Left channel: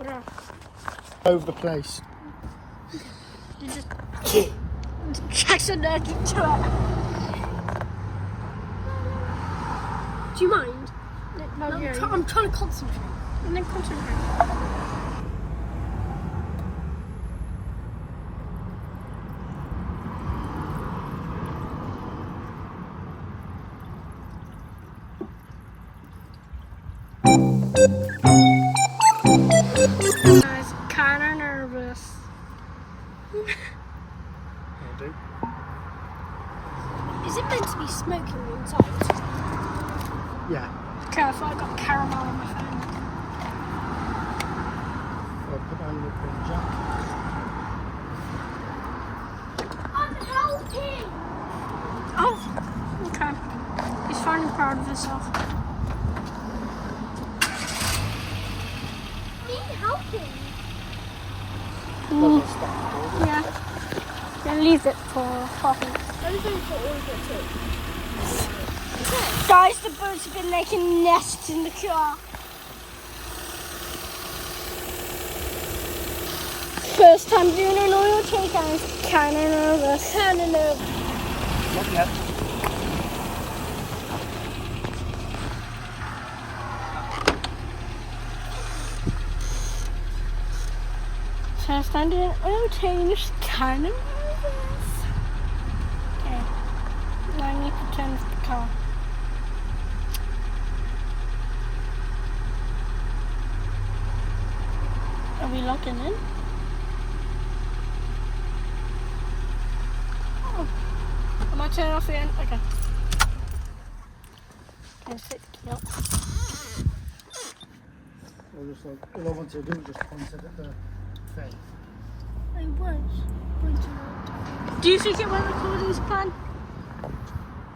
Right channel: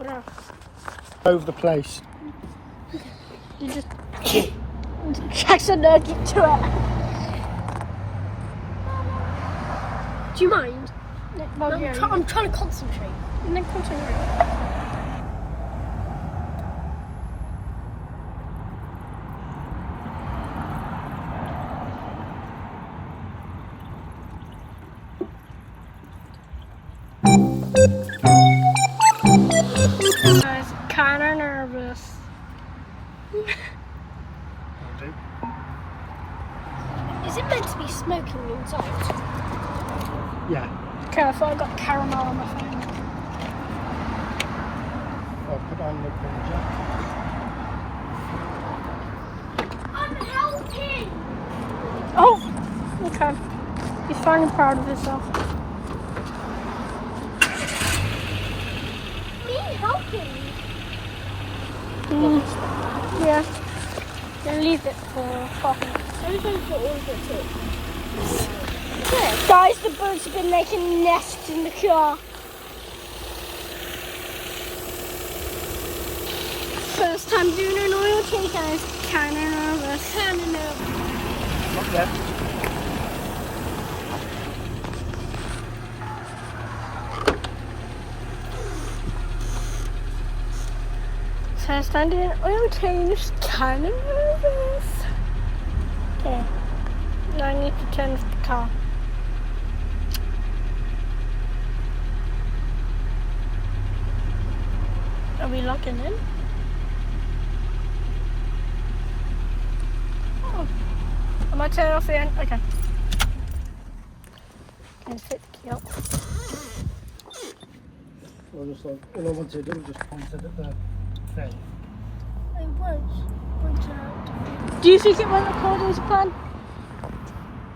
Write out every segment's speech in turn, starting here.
Bruh. Over the place. You just sex allergic to it. Do you mind? Well, I'm trying to concentrate. Then concentrate. I was kind of nervous. Is it meant to be smoking inside? Yeah. Careful, I got caramel on my phone. I'm helping! Oh, okay. He's finally proud of himself. Me helping? Yeah. Then leave it for 5 minutes. I'm going to order it. Guys, the birds have been making nests in the car. First time doing an oil change, I was kind of nervous. Yep. First time doing an oil change, kind of nervous. Okay, now I need to turn off the car. Are we locking in? Oh. Am I turning off the end? Okay. I'm going to take the key out. All I wanted to do was just point it at the thing. I was. Do you think it went according to plan?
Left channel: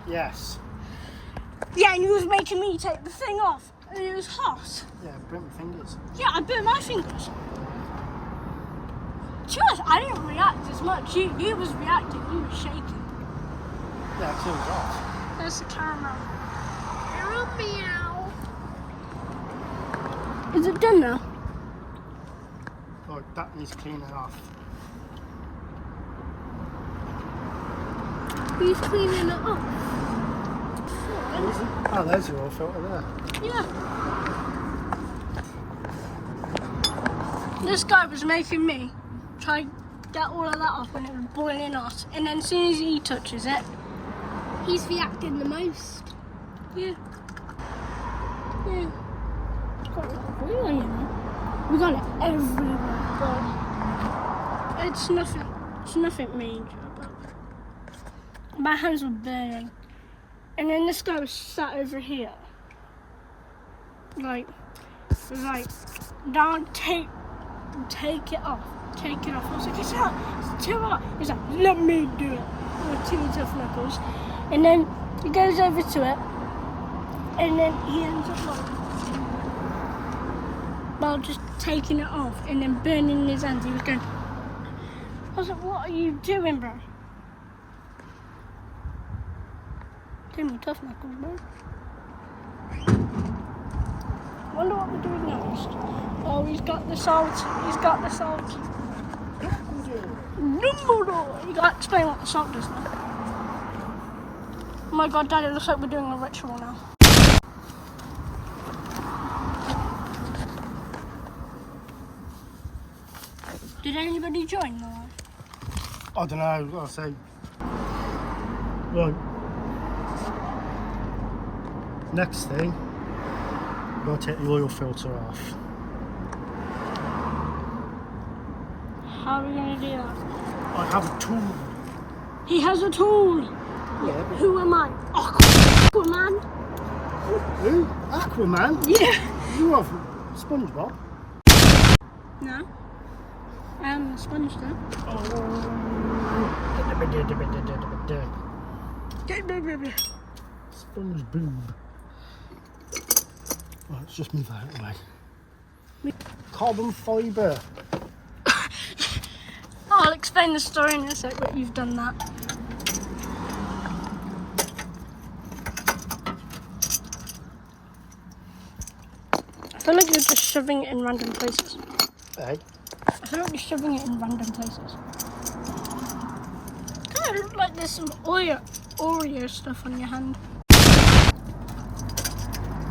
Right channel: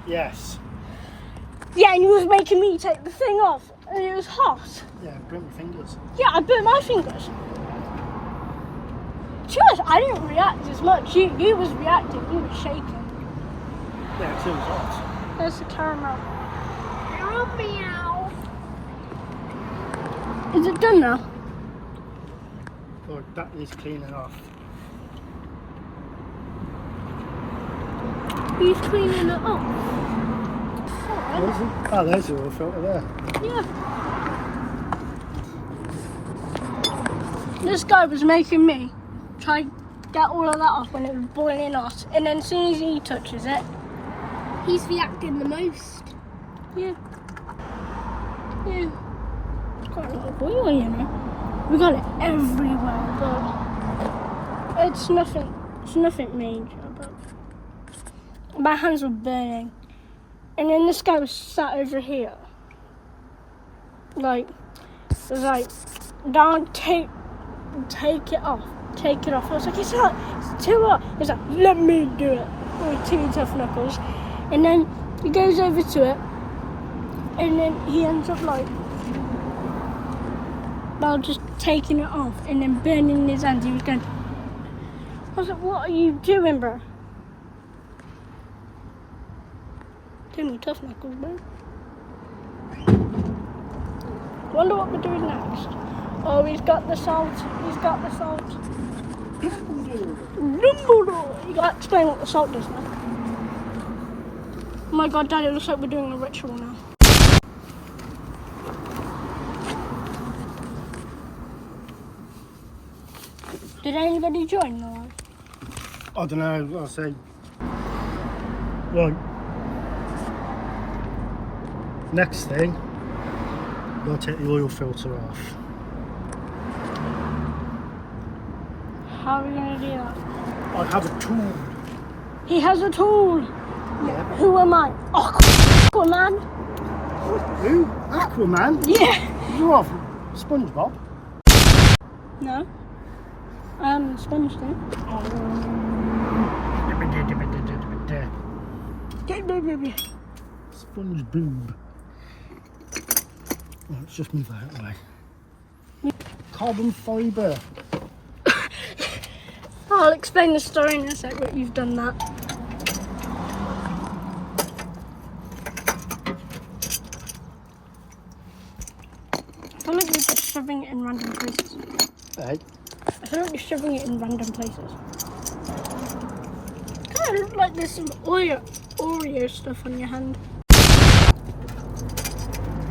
Yes. Yeah, and you was making me take the thing off, and it was hot. Yeah, burnt my fingers. Yeah, I burnt my fingers. Cheers, I didn't react as much. You was reacting, you was shaking. Yeah, it was hot. There's the caramel. Help me out. Is it done now? Oh, that needs cleaning off. He's cleaning it off. Where's it? Oh, there's your oil filter there. Yeah. This guy was making me try to get all of that off when it was boiling hot, and then as soon as he touches it, he's reacting the most. Yeah. Yeah. It's quite a lot of oil, you know. We got it everywhere. But it's nothing major, but my hands were burning. And then this guy was sat over here. Like, it was like, don't take it off. Take it off. I was like, it's hot. It's too hot. He's like, let me do it. With two tough knuckles. And then he goes over to it. And then he ends up like, well, just taking it off. And then burning his hands. He was going, I was like, what are you doing, bro? Too many tough knuckles, bro. Wonder what we're doing next. Oh, he's got the salt. He's got the salt. You gotta explain what the salt does now. Oh my god, Dad, it looks like we're doing a ritual now. Did anybody join or? I don't know, I'll say. Right. Next thing, you've got to take the oil filter off. How are we going to do that? I have a tool. He has a tool. Yeah. Who am I? Aquaman. Who? Aquaman? Yeah. You are SpongeBob? No. I am a sponge though. Sponge boob. Oh, it's just move that away. Carbon fibre. I'll explain the story in a sec, but you've done that. I feel like you're just shoving it in random places. Hey? I feel like you're shoving it in random places. Kind of look like there's some Oreo stuff on your hand.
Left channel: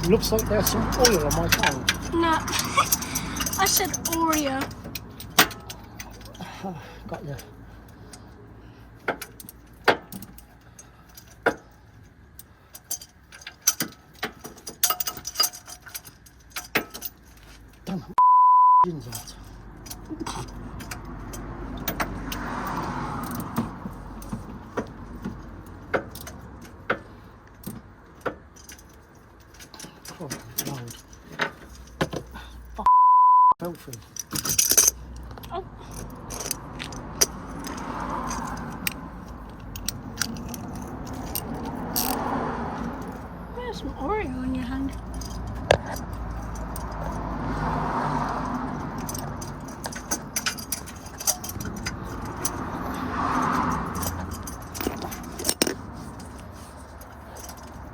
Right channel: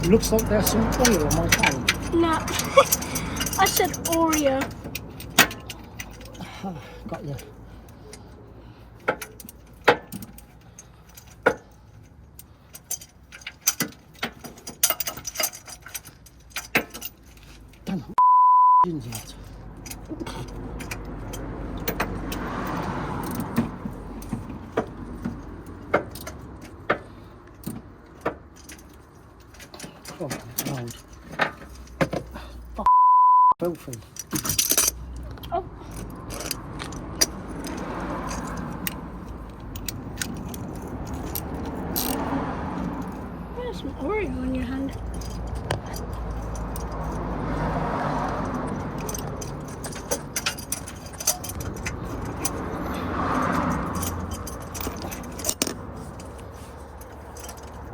It looks like there's some oil on my hand. Nah, I said Oreo. Got you. Damn, that. Oh, Lord. Filthy. Oh. There's some Oreo on your hand.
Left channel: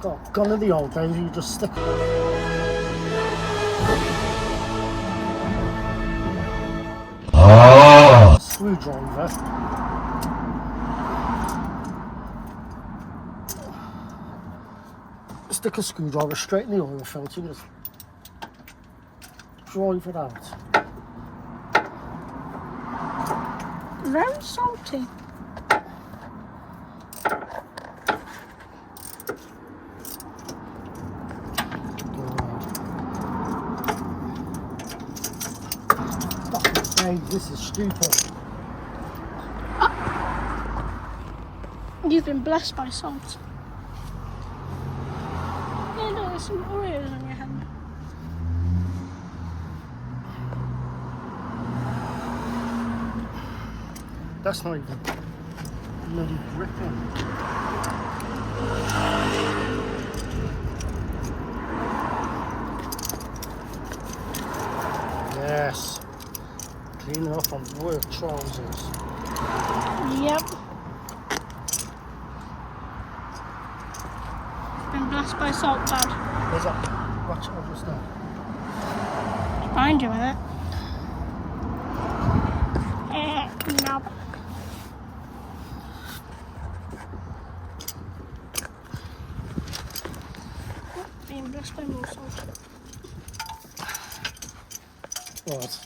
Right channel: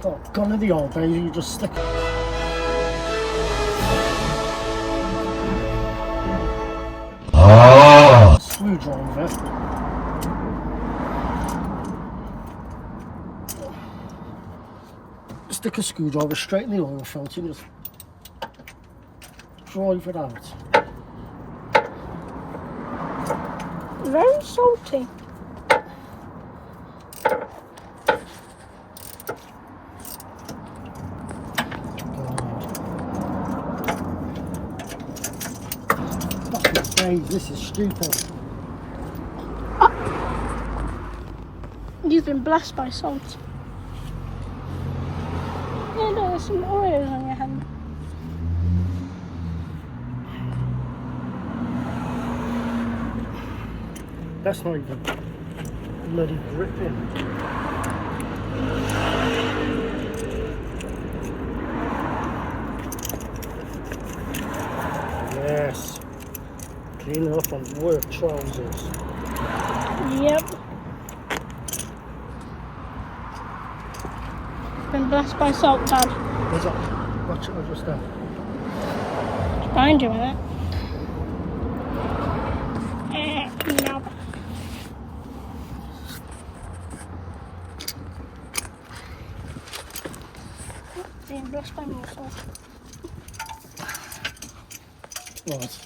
God, gone are the old days, you just stick screwdriver. Stick a screwdriver straight in the oil filter and just drive it out. Very salty. This is stupid. You've been blessed by salt. Yeah, there's some Oreos on your hand. That's not even bloody gripping. Yes. Clean up on work trousers. Yep. Been blessed by salt, Dad. Is that? Watch it, I'll just there. Behind you, innit? No. Being blessed by more salt. What?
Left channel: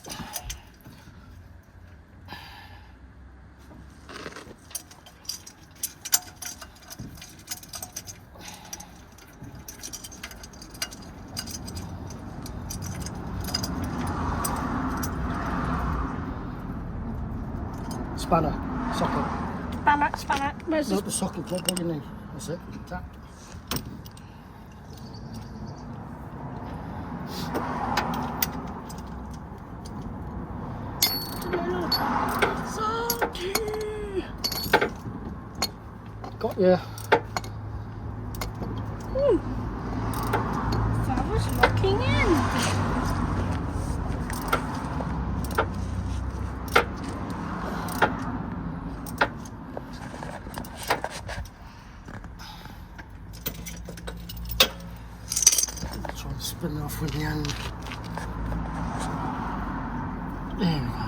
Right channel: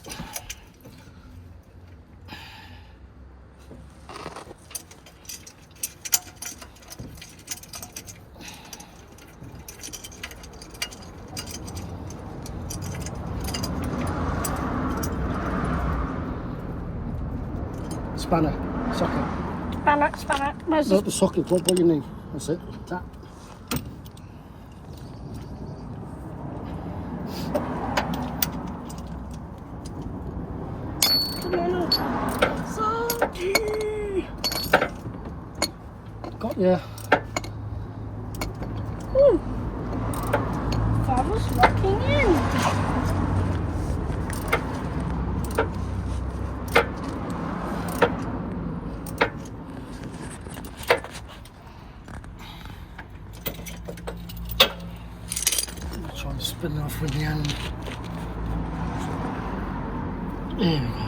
Spanner, socket. Spanner. Where's No, the socket, right by your knee. That's it. Tap. Salty! Got ya. Father's locking in. Try and spin off with the hand. There we go.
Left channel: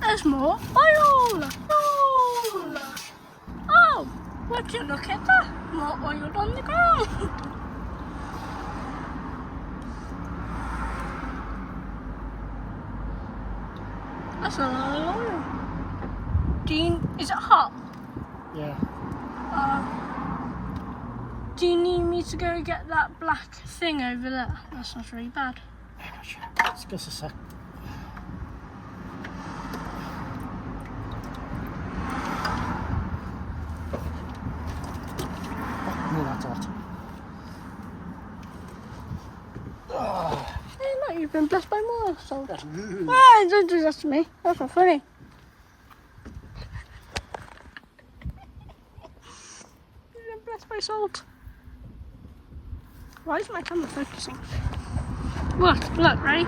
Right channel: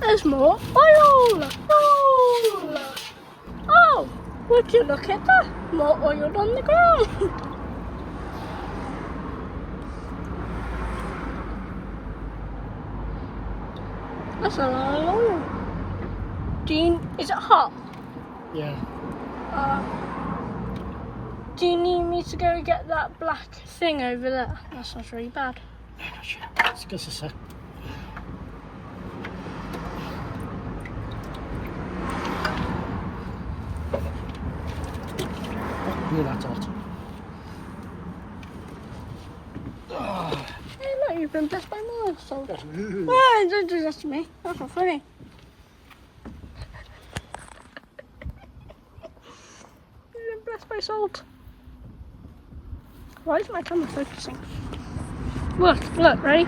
There's more oil! Oh, would you look at that? More oil on the ground. That's a lot of oil. Is it hot? Yeah. Do you need me to go get that black thing over there? That sounds really bad. Just give us a sec. Oh, that's hot. Oh. Hey, look, you've been blessed by more salt. That's you. Well, don't do that to me. That's not funny. You've been blessed by salt. Why is my camera focusing? Look, ready?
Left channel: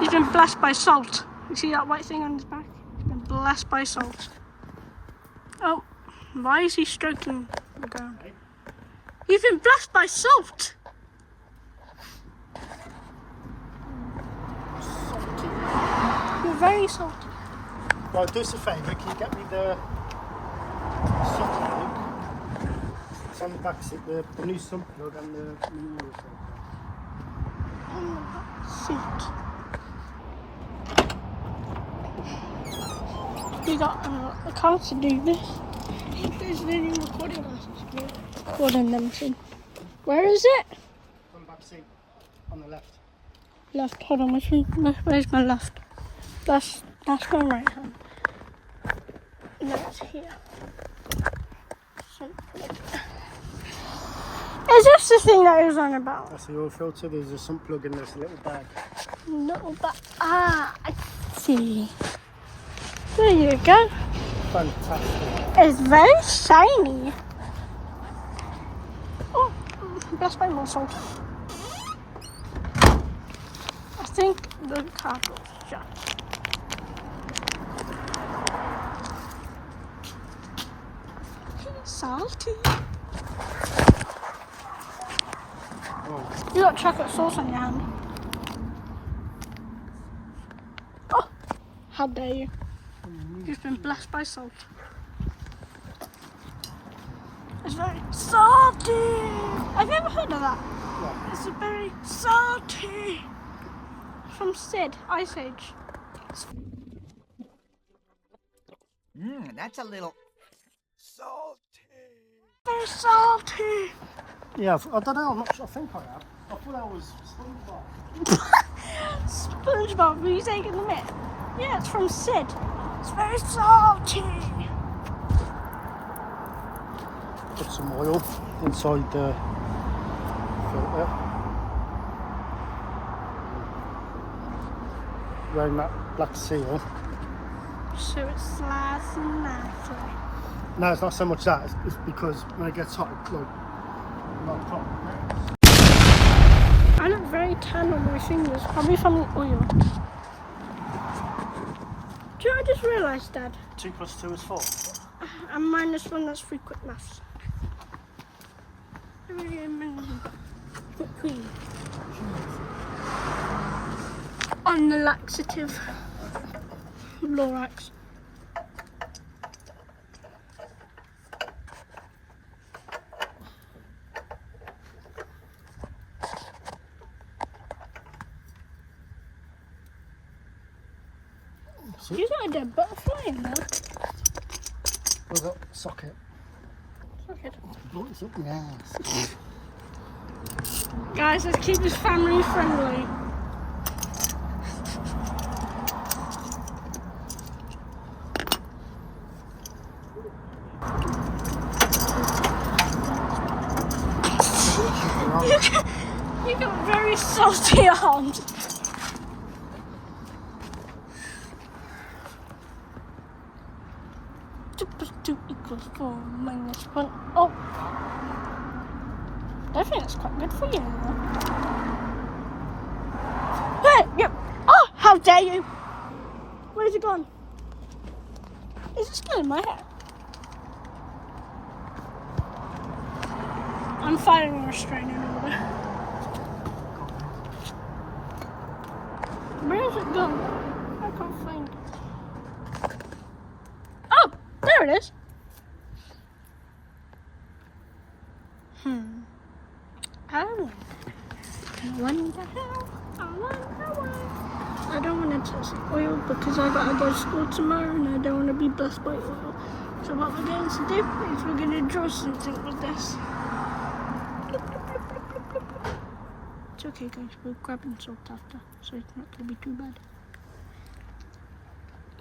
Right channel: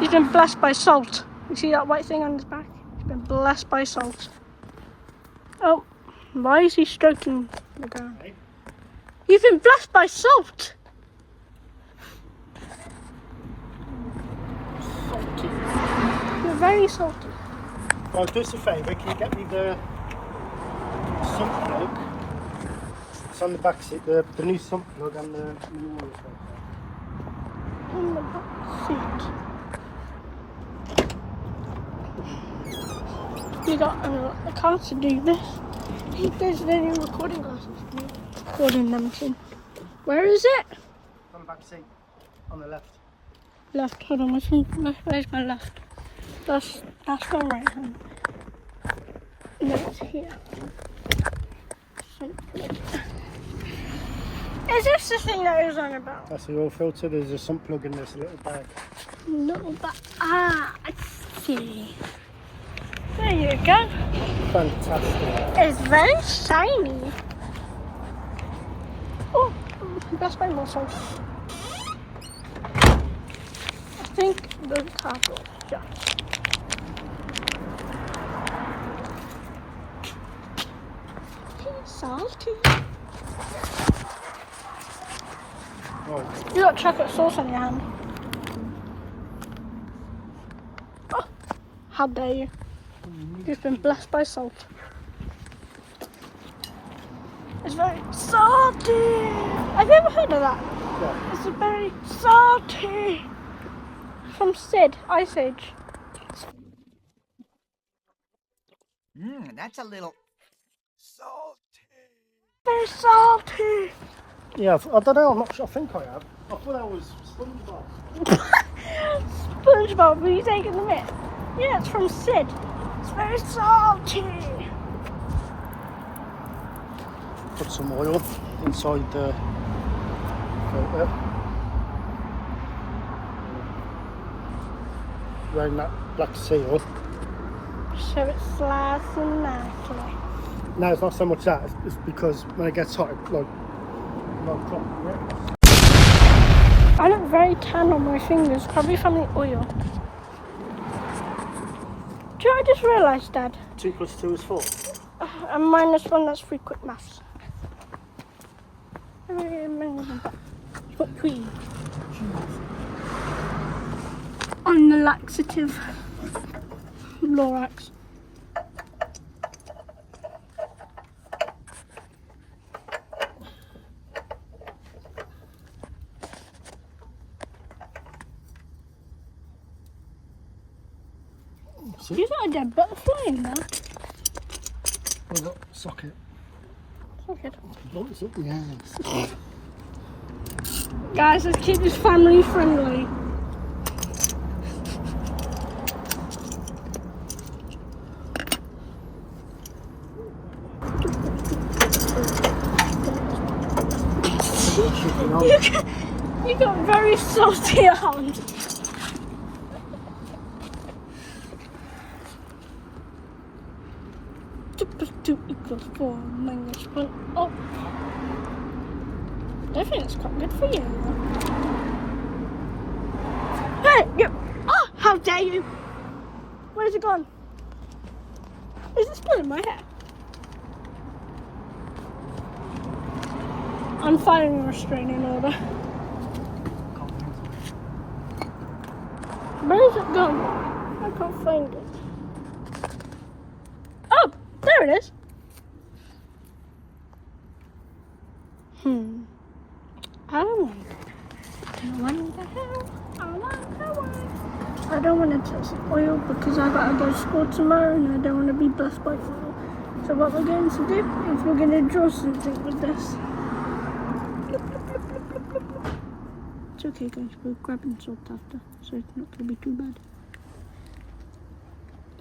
He's been blessed by salt. You see that white thing on his back? He's been blessed by salt. Oh, why is he stroking the ground? You've been blessed by salt. very salty. Right, do us a favour, can you get me the sump plug? It's on the back seat, the new sump plug on the new oil cell. In the back seat. You got a car to do this. There's any recording glasses. Recording them soon. Where is it? On the back seat, on the left. Left. Hold on. Where's my left? That's my right hand. No, it's here. Is this the thing that it was on about? That's the oil filter, there's a sump plug in this little bag. No, but I see. There you go. Fantastic. It's very shiny. Oh, that's my muscles. I think the car door is shut. Salty. Oh, You got chocolate sauce on your hand. Oh, how dare you? You've been blessed by salt. It's very salty. Have you ever heard of that? yeah. It's a very salty. From Sid, Ice Age. That's a little salty. Very salty. Yeah, I don't know, I'm not sure, I think I have. I thought that was SpongeBob. SpongeBob, were you taking the mitt? Yeah, it's from Sid. It's very salty. Put some oil inside the filter. Around that black seal. So it slides in nicely. No, it's not so much that, it's because when it gets hot, it's like proper grips. I look very tan on my fingers, probably from the oil. Do you know what I just realised, Dad? 2 + 2 is 4. And -1, that's frequent mass. On the laxative. Lorax. See? You got a dead butterfly in there. Well, that socket. Okay. Oh, it's up nice. Guys, this kid is family friendly. You got very salty arms. 2 = 4 -1. Oh, I think it's quite good for you. Hey, you! Oh, how dare you! Where's it gone? Is it still in my hair? I'm filing a restraining order. Where is it gone? I can't find it. Oh, there it is. I wonder how. I don't want to touch the oil because I gotta go to school tomorrow and I don't want to be blessed by oil. So what we're going to do is we're going to draw something with this. It's okay, guys. We're grabbing salt after, so it's not going to be too bad.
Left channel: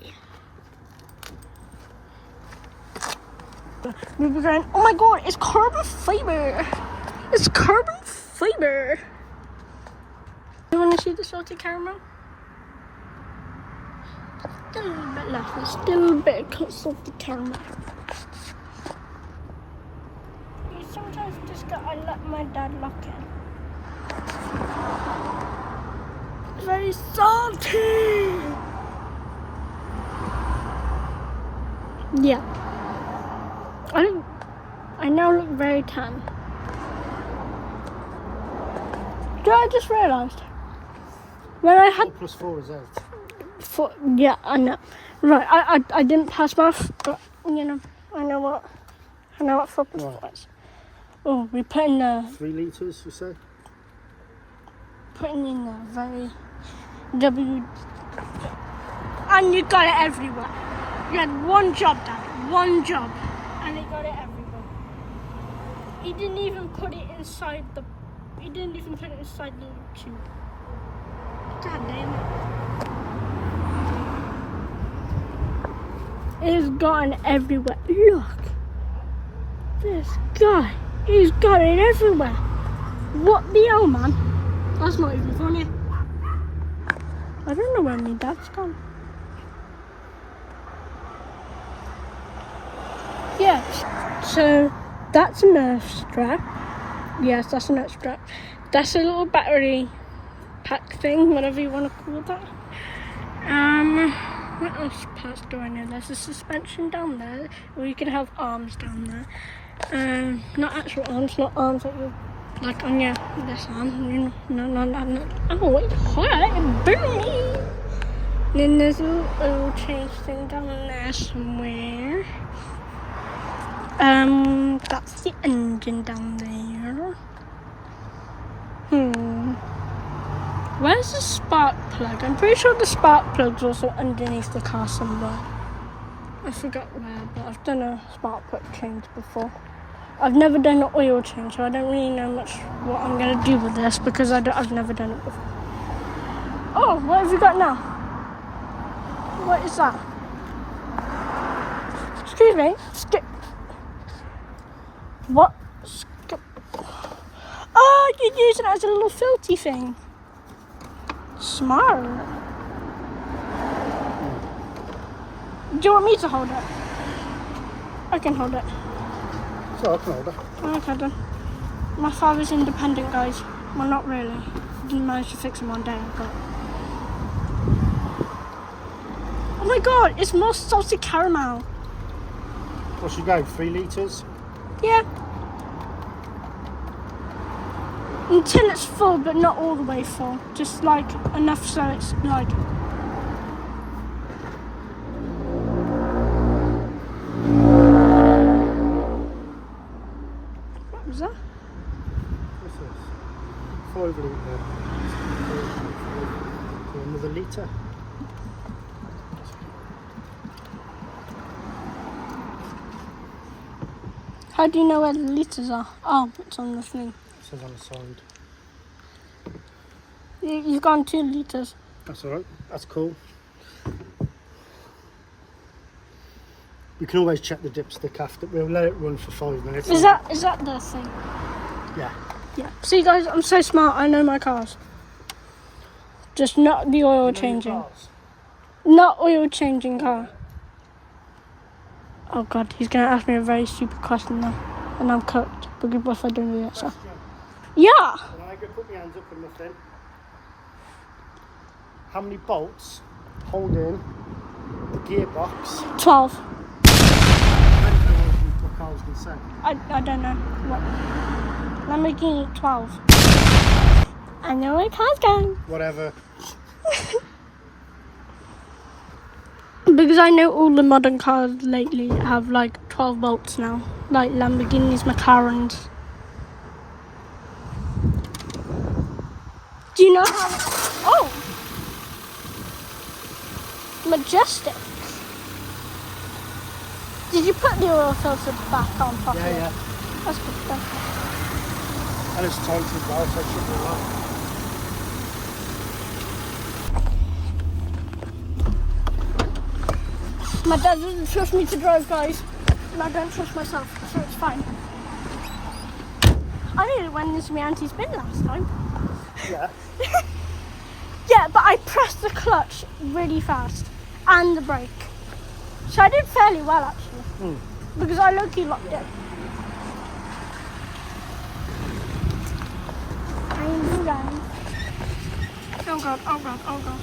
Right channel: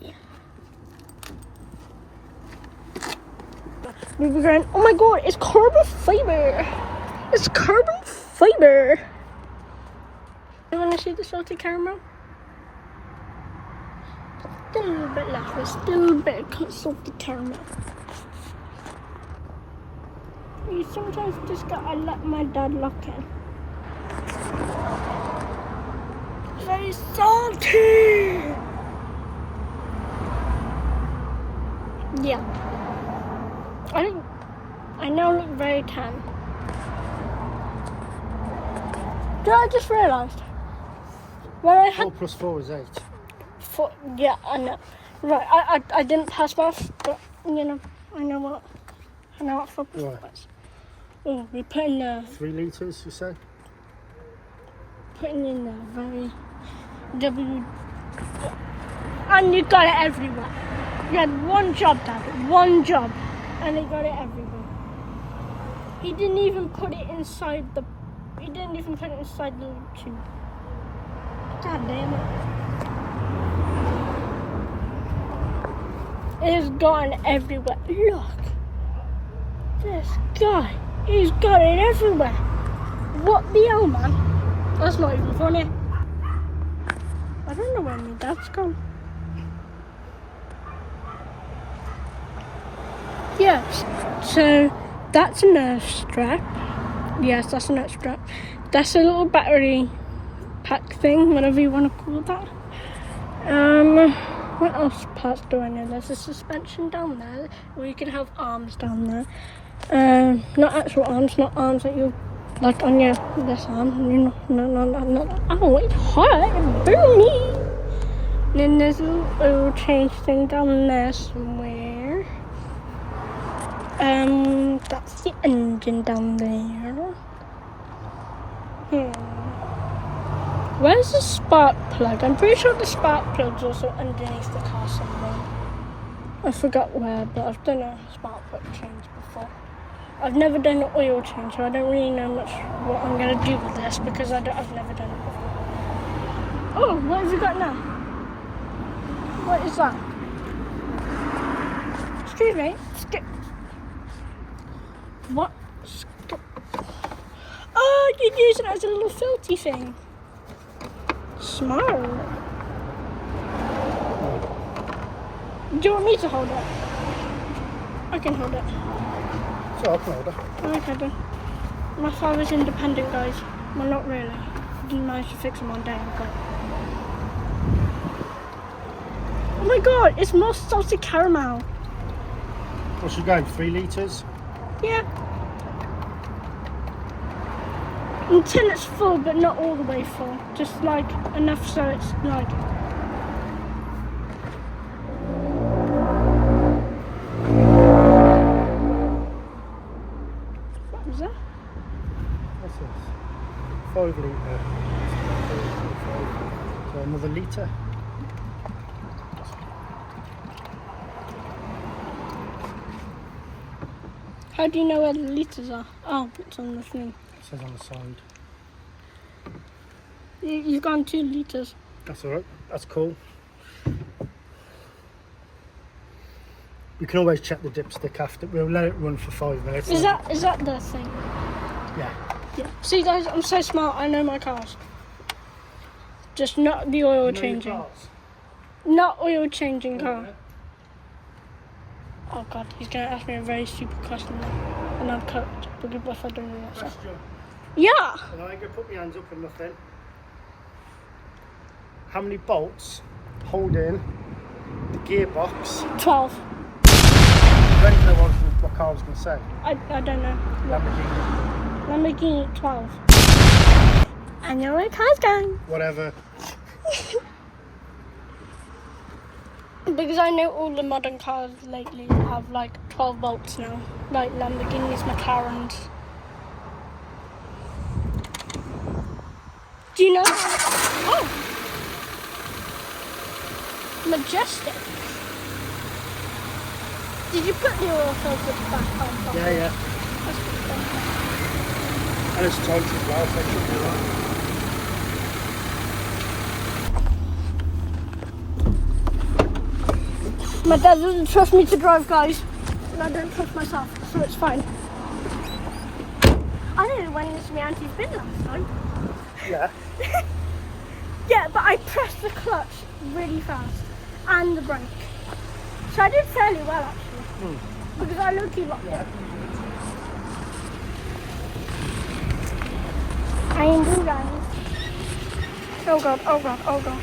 Yeah. We were going, oh my god, it's carbon fiber. It's carbon fiber. You want to see the salty caramel? Still a little bit left. There's still a bit of salty caramel. You sometimes just gotta let my dad look in. Very salty. Yeah. I now look very tan. Do you know what I just realised? When I had 4 + 4 is 8. Yeah, I know. Right, I didn't pass maths, but you know, I know what 4 plus Right. 4 is. Oh, we're putting the 3 litres, you say? putting in the very W, and you got it everywhere. You had one job, Dad, one job, and he got it everywhere. He didn't even put it inside the. He didn't even put it inside the tube. God damn it! It's gotten everywhere. Look, this guy, he's got it everywhere. What the hell, man? That's not even funny. I don't know where my dad's gone. Yes, so that's an earth strap. Yes, that's an earth strap. That's a little battery pack thing, whatever you want to call that. What else parts do I know? There's a suspension down there, or you can have arms down there. Not actual arms, not arms that you like on your this arm. You know, no. Oh, it hurt, it burned me. Then there's a little oil change thing down there somewhere. That's the engine down there. Where's the spark plug? I'm pretty sure the spark plug's also underneath the car somewhere. I forgot where, but I've done a spark plug change before. I've never done an oil change, so I don't really know much what I'm going to do with this because I've never done it before. Oh, what have you got now? What is that? Excuse me. What? Oh, you're using it as a little filthy thing. Smart. Do you want me to hold it? I can hold it. So I can hold it. Okay then. My father's independent, guys. Well, not really. He didn't manage to fix him one day, but... Oh my god, it's more salted caramel. What's your go? 3 litres? Yeah. Until it's full, but not all the way full. Just like enough so it's like. What was that? What's this? 5 litre. So another litre. How do you know where the litres are? Oh, it's on the thing. It says on the side. You've gone 2 litres. That's alright. That's cool. You can always check the dipstick after. We'll let it run for 5 minutes. Is that the thing? Yeah. Yeah. See, guys, I'm so smart. I know my cars. Just not the oil changing. Not oil changing car. Oh god, he's gonna ask me a very stupid question now, and I'm cooked. Because what if I don't do that? So. Yeah. And I go put my hands up and nothing. How many bolts hold in the gearbox? 12. Ready for what car I was going to say? I don't know. What? Lamborghini. Lamborghini 12. I know where car's going. Whatever. Because I know all the modern cars lately have like 12 bolts now. Like Lamborghinis, McLarens. Do you know how... Oh! Majestic. Did you put the oil filter back on properly? Yeah. That's good. And it's tight as well, so it should be right. My dad doesn't trust me to drive, guys. And I don't trust myself, so it's fine. I know when this my auntie's been last time. Yeah. Yeah, but I pressed the clutch really fast. And the brake. So I did fairly well, actually. Because I low-key locked it. I am doing guys. Oh god, oh god, oh god.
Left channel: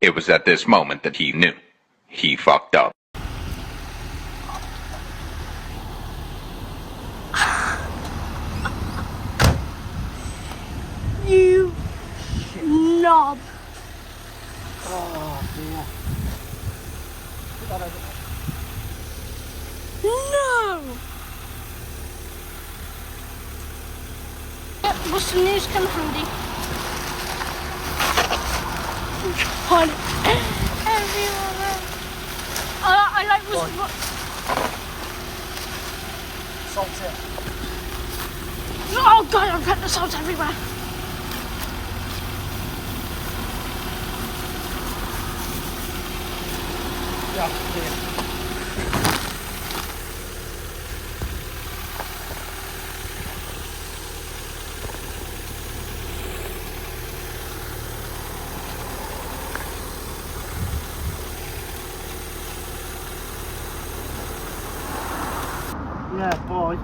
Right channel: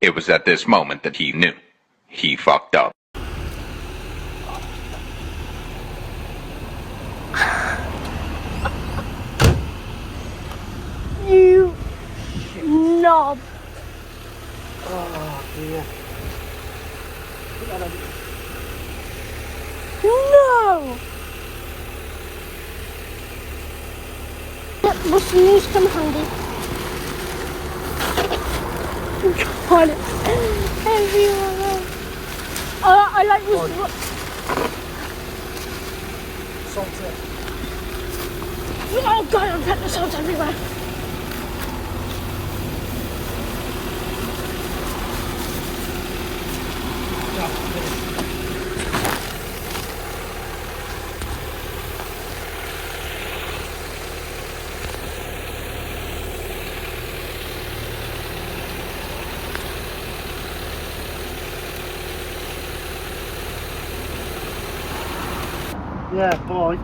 It was at this moment that he knew. He fucked up. You knob. What's the news come handy? On it. Everywhere. I like was. Salt it. Oh god, I'm putting the salt everywhere. Yeah, boy.